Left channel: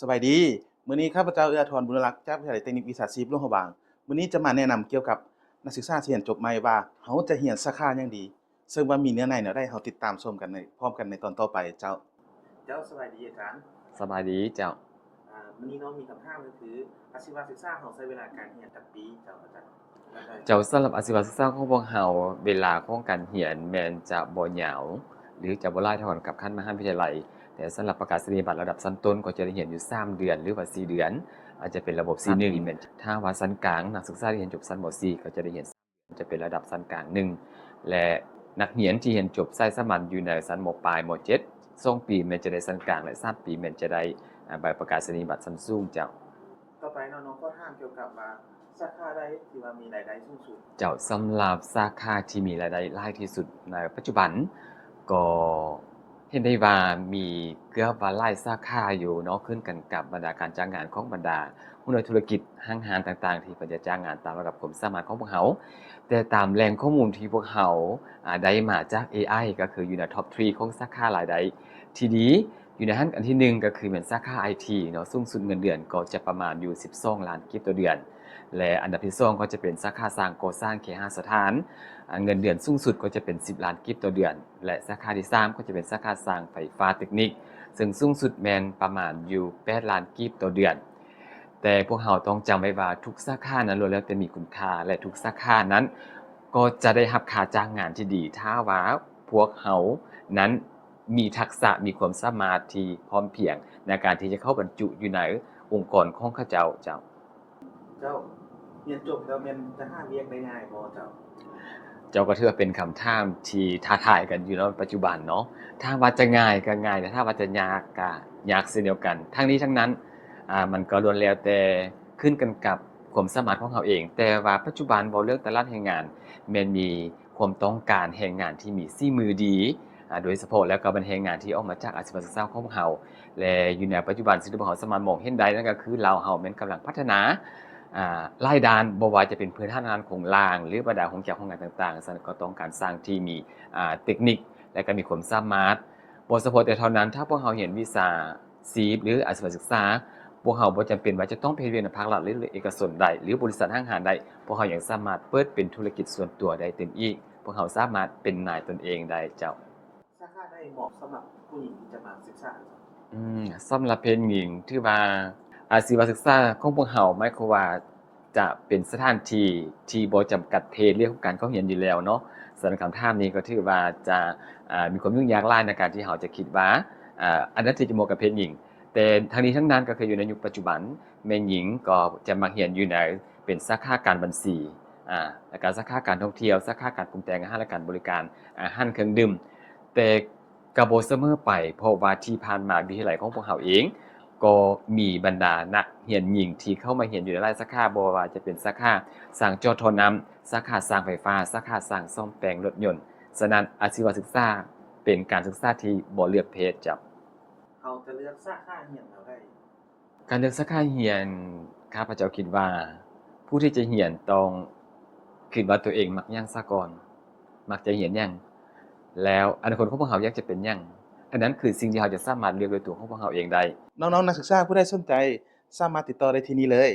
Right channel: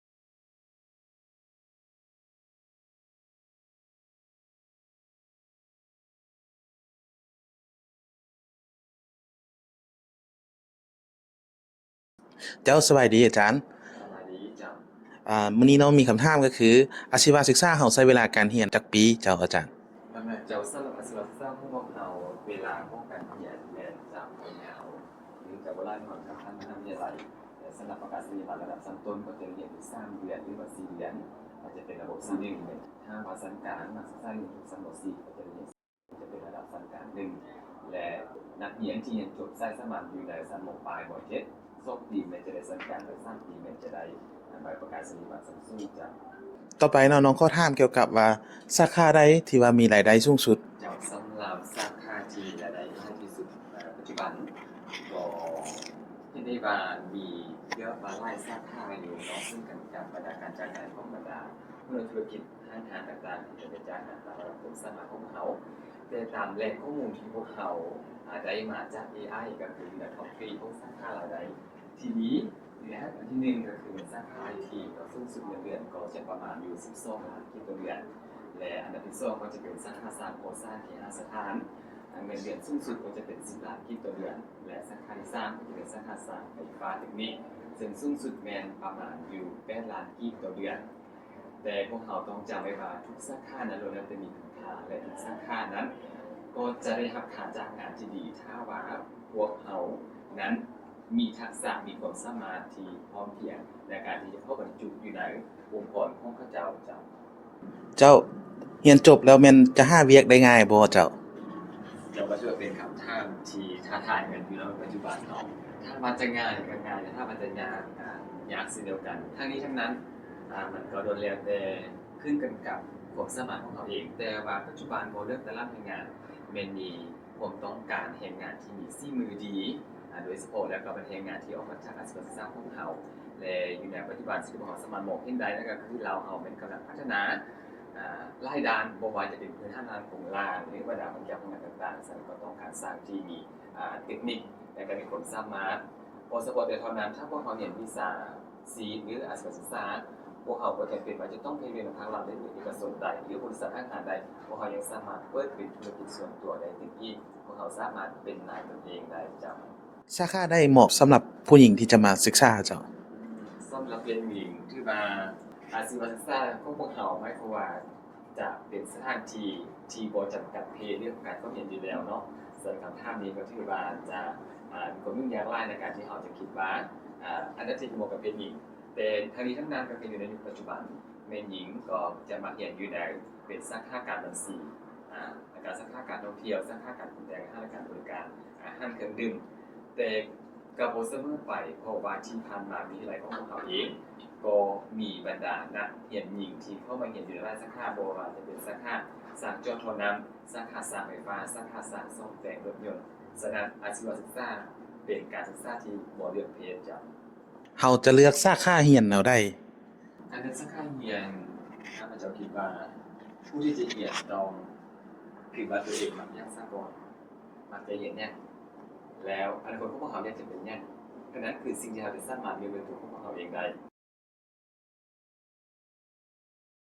สบายดีมื้อนี้ข้าพเจ้าเอื้ออาทรบุญรักษ์จากวิทยาลัยเทคนิควิชาชีพหลวงพระบางมื้อนี้จะมาแนะนำเกี่ยวกับนักศึกษาที่เรียนจบใหม่ว่าเขาจะเรียนสาขาหยังดีซึ่งว่ามีเนื้อในแนวใดเราติดตามชมกันในพร้อมกันในตอนต่อไปเจ้าสบายดีอาจารย์สบายดีเจ้ามื้อนี้เนาะมีคำถามก็คืออาชีวศึกษาเราใช้เวลาการเรียนจักปีเจ้าอาจารย์สำหรับอาชีวศึกษาของพวกเราเวลาของการเรียนแม้นจะบ่ยาวหรือจะบ่หลายเท่ากันกับขั้นมหาวิทยาลัยแต่สำหรับประกาศนียบัตรระดับชั้นต้นก็จะได้เรียนอยู่3เดือนหรือว่า4เดือนอาจจะเป็นระบบ C1 แม่นถ้าว่าชั้นกลางนักศึกษาที่เรียนจบชั้นม .4 ก็จะได้เรียนจะเป็นระดับชั้นกลาง1และนักเรียนที่เรียนจบสายสามัญอยู่ในชั้นมปลายม .7 2ปีแม่นจะได้ชั้นกลางและ3ปีแม่นจะได้ใบประกาศนียบัตรชั้นสูงเจ้า ต่อไปเนาะน้องขอถามเกี่ยวกับว่าสาขาใดที่ว่ามีรายได้สูงสุดสำหรับสาขาที่มีรายได้หลายที่สุดในปัจจุบันก็เห็นได้ว่ามีเกือบว่าหลายสาขาอยู่เนาะขึ้นกันกับบรรดาการจ้างงานของบรรดาหุ้นธุรกิจห้างร้านต่างๆที่เพิ่นจะจ้างงานตามระดับความสามารถของพวกเขาแต่ตามแหล่งข้อมูลที่พวกเขาได้มาจาก AI ก็คืออยู่ในท็อป3ของสาขารายได้ที่ดีอยู่ในหั้นอันที่1ก็คือเป็นสาขา IT เนาะสูงสุดเงินเดือนก็จะประมาณอยู่12ล้านกิฟต์ต่อเดือนและอันดับที่2ก็จะเป็นสาขาสร้างก่อสร้างเคหสถานเงินเดือนสูงสุดก็จะเป็น10ล้านกิฟต์ต่อเดือนและสาขาที่3ก็จะเป็นสาขาสร้างไฟฟ้าเทคนิคซึ่งสูงสุดแม่นประมาณอยู่8ล้านกิฟต์ต่อเดือนแต่พวกเราต้องจำไว้ว่าทุกสาขานั้นล้วนแล้วแต่มีคุณค่าและทุกสาขานั้นก็จะได้รับค่าจ้างงานที่ดีถ้าว่าพวกเรานั้นมีทักษะมีความสามารถที่พร้อมเพรียงในการที่จะเข้าบรรจุอยู่ในองค์กรของเขาเจ้าเจ้าเรียนจบแล้วแม่นจะหาเวียกได้ง่ายบ่เจ้าก็ถือว่าเป็นคำถามที่ท้าทายกันอยู่ในปัจจุบันเนาะถ้าว่าจะง่ายก็ง่ายแต่ถ้าว่าจะยากก็ยากเช่นเดียวกันทั้งนี้ทั้งนั้นมันก็ล้วนแล้วแต่ขึ้นกันกับความสามารถของเขาเองแต่ว่าปัจจุบันบ่เลือกตลาดแรงงานแม่นมีความต้องการแรงงานที่มีฝีมือดีโดยเฉพาะแล้วก็เป็นแรงงานที่ออกมาจากอาชีวศึกษาของพวกเราและอยู่ในปัจจุบันสิ่งที่พวกเราสามารถมองเห็นได้นั่นก็คือลาวเฮาแม่นกำลังพัฒนาหลายด้านบ่ว่าจะเป็นพื้นฐานงานของล่างหรือบรรดาของเจ้าของงานต่างๆฉะนั้นก็ต้องการสร้างที่มีเทคนิคและก็มีความสามารถบ่เฉพาะแต่เท่านั้นถ้าพวกเราเรียนวิชาชีพหรืออาชีวศึกษาพวกเราบ่จำเป็นว่าจะต้องไปเรียนในภาครัฐหรือเอกชนได้หรือบริษัทห้างร้านได้พวกเรายังสามารถเปิดเป็นธุรกิจส่วนตัวได้เต็มอีกพวกเราสามารถเป็นนายตนเองได้เจ้า สาขาใดเหมาะสำหรับผู้หญิงที่จะมาศึกษาเจ้าสำหรับเพศหญิงถือว่าอาชีวศึกษาของพวกเราหมายความว่าจะเป็นสถานที่ที่บ่จำกัดเพศเรื่องของการเข้าเรียนอยู่แล้วเนาะสำหรับคำถามนี้ก็ถือว่าจะมีความยุ่งยากหลายในการที่เราจะคิดว่าอันนั้นที่จะเหมาะกับเพศหญิงแต่ทั้งนี้ทั้งนั้นก็คืออยู่ในยุคปัจจุบันแม่หญิงก็จะมาเรียนอยู่ในเป็นสาขาการบัญชีแล้วก็สาขาการท่องเที่ยวสาขาการปรุงแต่งอาหารและการบริการอาหารเครื่องดื่มแต่ก็บ่เสมอไปเพราะว่าที่ผ่านมาวิทยาลัยของพวกเราเองก็มีบรรดานักเรียนหญิงที่เข้ามาเรียนอยู่ในหลายสาขาบ่ว่าจะเป็นสาขาสร้างจอท่อน้ำสาขาสร้างไฟฟ้าสาขาสร้างซ่อมแปลงรถยนต์ฉะนั้นอาชีวศึกษาเป็นการศึกษาที่บ่เลือกเพศจ้ะเราจะเลือกสาขาเรียนแนวใดการเลือกสาขาเรียนข้าพเจ้าคิดว่าผู้ที่จะเรียนต้องคิดว่าตัวเองมักหยังซะก่อนมักจะเรียนหยังแล้วอนาคตของพวกเราอยากจะเป็นหยังอันนั้นคือสิ่งที่เราจะสามารถเลือกด้วยตัวของพวกเราเองได้น้องๆนักศึกษาผู้ใดสนใจสามารถติดต่อได้ที่นี่เลย